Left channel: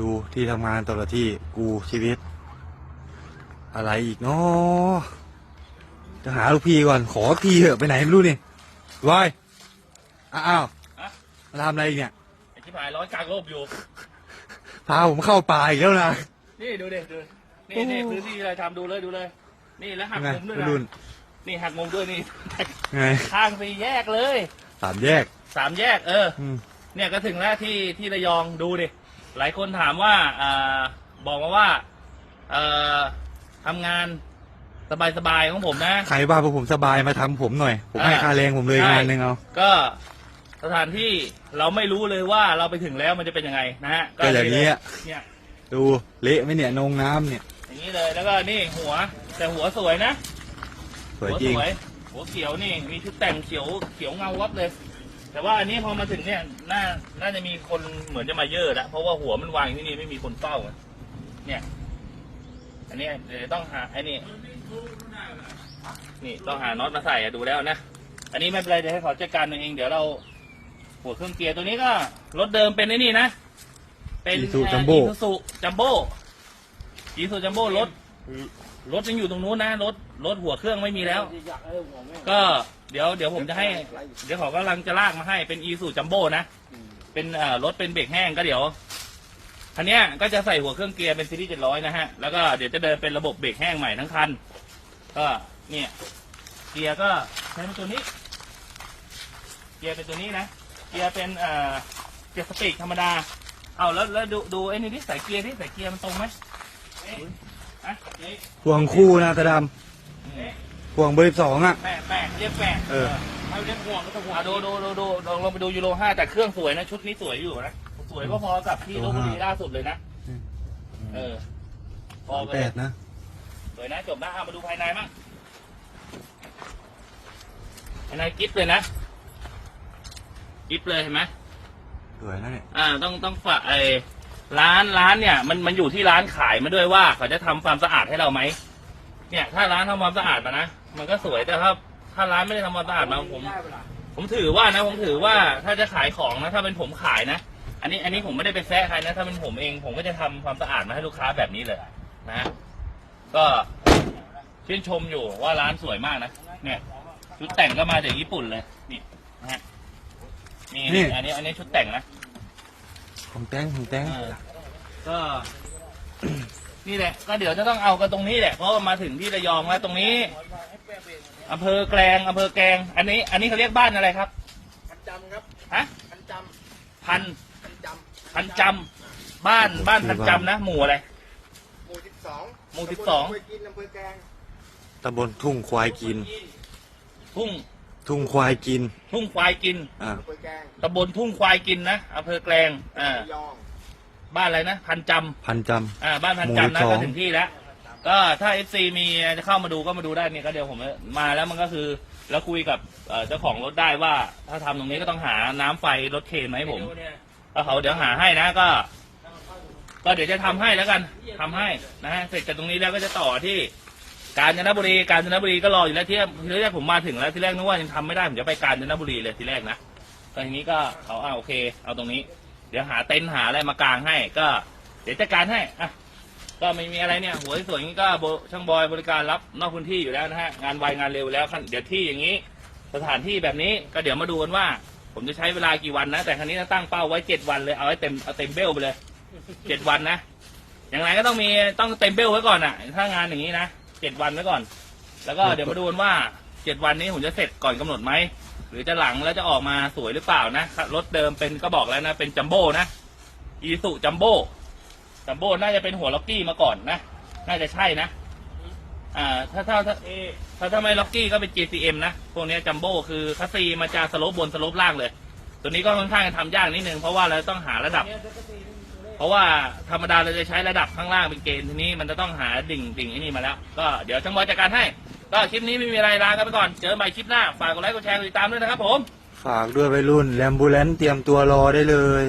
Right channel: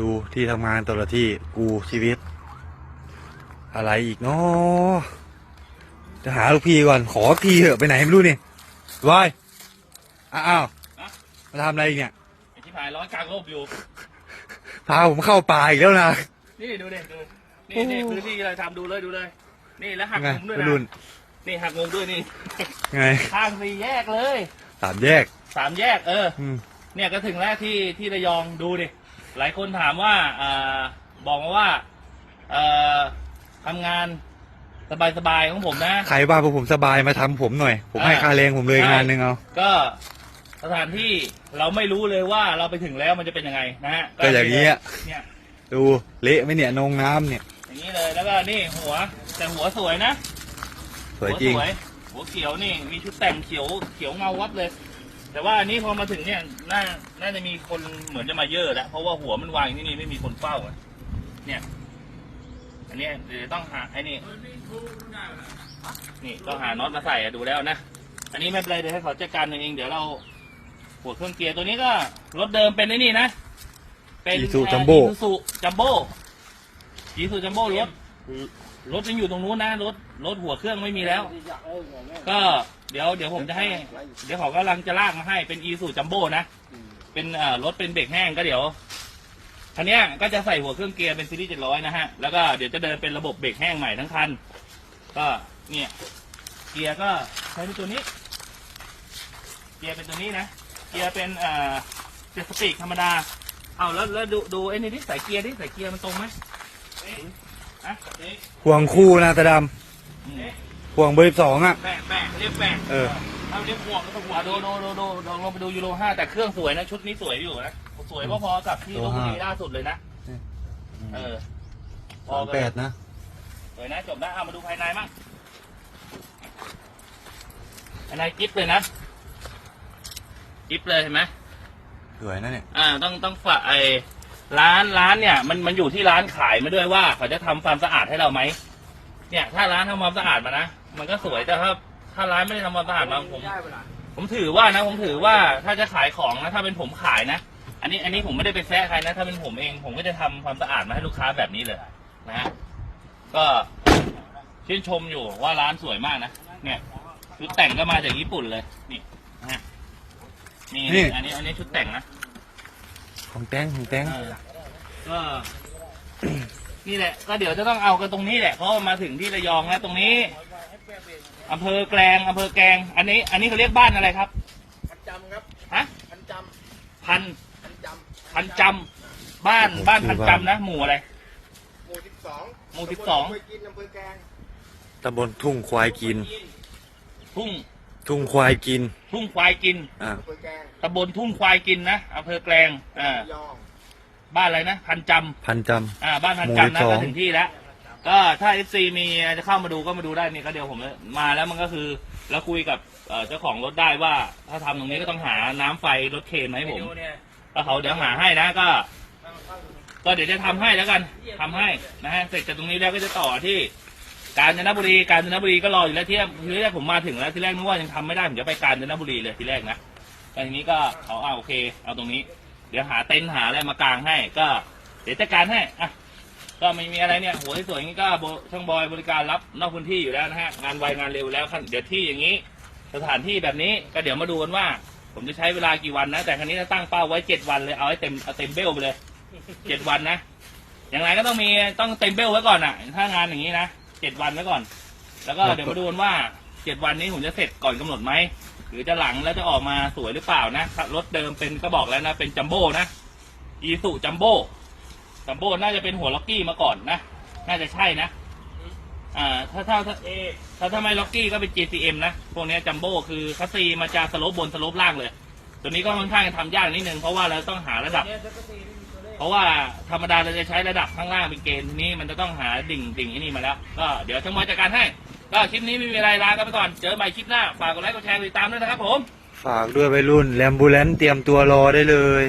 ดูที่ทำงานแต่ละที่กูชีวิต อะไรอีกเนาะจะหาลูกพี่ก่อนขอทีเถอะไปไหนไม่รู้นี่วายอ้าวมาทำอะไรอีกเนี่ยไอ้ที่ผายร้อนกลางโลกอยู่พาผมเข้าป่าอีกแล้วนะนี่ดูเด็ดูนี่โอ้นี่พื้นที่อะไรทำดูเลยดูเลย นี่แล้วหักไงมุมด้วยวัยนะรุ่นนี่หักมุมด้วยนี่ไงข้างสี่แยกเลยสามแยกสามแยกเอออืมเนี่ยก็ถึงแล้วที่ที่ระยองดูดิ หลายคนถามว่าอ่าบอกมาว่าเอ่อทำงานสบายๆของผมนะ ใครว่าพวกผมสบายมาทำผมหน่อย ผมให้อ่าค่าแรงผมเลยใช่งานหนึ่งเอา ก็สถานที่เราไม่รู้เลยว่าเราไปถึงแล้วมันจะเป็นยังไงนะฮะก็อย่างนี้อะเนี่ยดูเละไหมเนี่ยนงน้ำเนี่ย อย่างนี้เลยแล้วก็นี่หัว แต่หัวสวยนะ สวยจริง หัวหัวเขียวนี่มีชุดแต่งเขียวเขียวเงาวับเลย แต่ว่าอันนี้พอมาถึงเนี่ยน่าน่าจะมีคนเหมือนจะมาเยอะแล้วเพราะว่าหัวมันวางอยู่ที่นี่ไม่มีคนเฝ้าอะเนี่ย อันนี้เดี๋ยวต้องหาไอ้นี่นี่ต้องหาน็อตมาใส่อะดูแล้วนะอันนี้ไม่เป็นไรเดี๋ยวให้เขาจัดการเองเดี๋ยวเราหัวเครื่องเกียร์ตัวนี้ก็รถเดิมเป็นไอ้นี่นะ เป็น Isuzu Jumbo อีซูจัมโบ้อีซูจัมโบ้รถ รถยังอยู่ตรงนู้นนะรถรถหัวเครื่องไม่มีแล้ว ก็เดี๋ยวเดี๋ยวผมจะให้ เดี๋ยวเขากำลังจะลากมาให้เป็นอีซูจัมโบ้นะเป็นเอ่อรถเป็นเบรกแห้งก็เดี๋ยวคันเนี้ยก็จะใส่หัวเครื่องเกียร์เป็นซีรีส์เจ็ดร้อยนะฮะแล้วก็เดี๋ยวจะเดินเป็นระบบเบรกแห้งใหม่ทั้งคัน ก็เนี่ยเกียร์ก็ใช้เป็นตัวนี้ เกียร์เป็นตัวนี้นะ เกียร์เป็นเอ่อเกียร์พลาสติกธรรมดาเอาแล้วแล้วดูดูไอ้นี่ที่ใส่เกียร์ที่ใส่เกียร์มันตรงไหม ห่วงคู่นะตาดอืมำห่วงเบอร์สิบสองอะ แม่แม่เรียกแม่เออ เขาเรียกห่วงก็ห่วงดูดูดูดูลองลองไปดูยูโรห้าแต่เครื่องสวยนะชุดนี้สวยอยู่นะสวยพอๆกับที่ลบบุรีล่าสุดเลยนะเออพอสามไปแปดนะสวยนะจบนะเอามาดูภายในมั้งภายในกิฟเลยนะกิฟเลยเห็นไหมสวยนะเนี่ยอ่าต้องต้องฝากไอ้ ร้านร้านเนี่ยมันมันอยู่ที่ร้านขายมาด้วยว่า เขาจะทำความสะอาดให้เราไหมเนี่ย ถ้าร้านทำความสะอาดมานะมันก็สวยแต่ถ้าถ้าร้านไม่ได้ทำความสะอาดมาผม ผมถือว่านะผมถือว่าถ้าจะขายของนะถ้าเป็นผมขายนะอันนี้อันนี้ผมไม่ได้ไปแซะใครนะ ถ้าเป็นผมเองผมก็จะทำความสะอาดมาให้ลูกค้าแบบนี้เลยนะก็ชื่นชมอยู่ว่าร้านสวยมากนะเนี่ยชุดแต่งก็มาจากญี่ปุ่นเลยนี่นะฮะนี่นี่ อันนี้อันนี้ชุดแต่งนะ ของแต้งของแต้งเออก็ นี่แหละ ก็เดี๋ยวจะต้องเอากันตรงนี้แหละ เพราะว่ามาถึงที่ระยองแล้วตรงนี้อำเภอแกลงอำเภอแกลง อันนี้ อันนี้เขาเรียกบ้านอะไรครับ พันจำครับฮะ พันจพันำพันจพันจำบ้านบ้านพันจำนะ หมู่อะไรำหมู่สิบสองหมู่สิบสองอำเภอกินอำเภอแกลงตำบลทุ่งควายกิน ทุ่ง ทุ่งควายกิน ทุ่งควายกินอ่าอำเภอแกลงตำบลทุ่งควายกินนะอำเภอแกลงอ่าระยองบ้านอะไรนะ พันจำพันจอ่าบ้านพันหมู่จำนะ12ก็ถึงที่แล้วก็ถ้าเอฟซีมีจะเข้ามาดูก็มาดูได้นี่ก็เดี๋ยวผมมาแล้วมันก็คือแล้วคุยกับเอ่อเจ้าของรถได้ว่า ถ้าทำตรงนี้ก็ต้องหาน้ำไฟรถเคนมาให้ผมก็เขาเดี๋ยวหาให้นะก็ ก็เดี๋ยวจะทำให้แล้วกันทำให้นะฮะเสร็จจากตรงนี้แล้วก็จะต่อที่ กาญจนบุรีกาญจนบุรีก็รออยู่แล้วที่ทีแรกผมมาถึงแล้วที่แรกนึกว่ายังทำไม่ได้ผมจะไปกาญจนบุรีเลยที่แรกนะก็ทีนี้ก็เขาอ่าโอเค เอาตรงนี้ เดี๋ยวหาเต็นท์หาอะไรมากางให้ ก็ เดี๋ยวจัดการให้อะก็ไม่มีอะไรเนี่ยหัวสวยงนี้ก็โบช่างบอยบริการรับนอกพื้นที่อยู่แล้วนะฮะงานไวงานเร็วแล้วขั้นเดี๋ยวที่อย่างนี้ สถานที่แบบนี้ก็เดี๋ยวมาดูกันว่า ผมจะใช้เวลากี่วันนะ แต่ครั้นี้จะตั้งเป้าไว้เจ็ดวันเลยเอาให้เต็มเอาเต็มเบลไปเลยเจ็ดวันนะอย่างไรก็ต้องมีต้องเต็มเบลไว้ก่อนอะ ถ้างานอย่างนี้นะ เจ็ดวันไว้ก่อน แล้วก็เดี๋ยวมาดูกันว่าเจ็ดวันนี้ผมจะเสร็จก่อนกำหนดไหม หรือจะหลังแล้วจะออกมาสวยหรือเปล่านะ รถเดิมเป็นก็บอกแล้วนะ เป็นจัมโบ้นะ อีสุจัมโบ้ จัมโบ้น่าจะเป็นหัวล็อกกี้มาก่อนนะ น่าจะใช่นะ อ่า ถ้าถ้าถ้าเอถ้าถ้าไม่ล็อกกี้ก็เป็น GCM นะ พวกเนี้จัมโบ้คือคัสซีมาจะสโลปบนสโลปล่างเลย ตัวนี้ก็ค่อนข้างจะทำยากนิดนึง เพราะว่าเราต้องหาระดับ เพราะว่าธรรมดาเราจะใช้ระดับข้างล่างเป็นเกณฑ์ทีนี้มันจะต้องหาดิ่งดิ่งไอ้นี่มาแล้ว ก็เดี๋ยวช่างบอยจัดการให้ ก็คลิปนี้ไม่มีอะไรลากันไปก่อน เจอกันใหม่คลิปหน้า ฝากกดไลค์กดแชร์กดติดตามด้วยนะครับผม ฝากด้วยวัยรุ่นแลมบูเลนเตรียมตัวรอได้เลย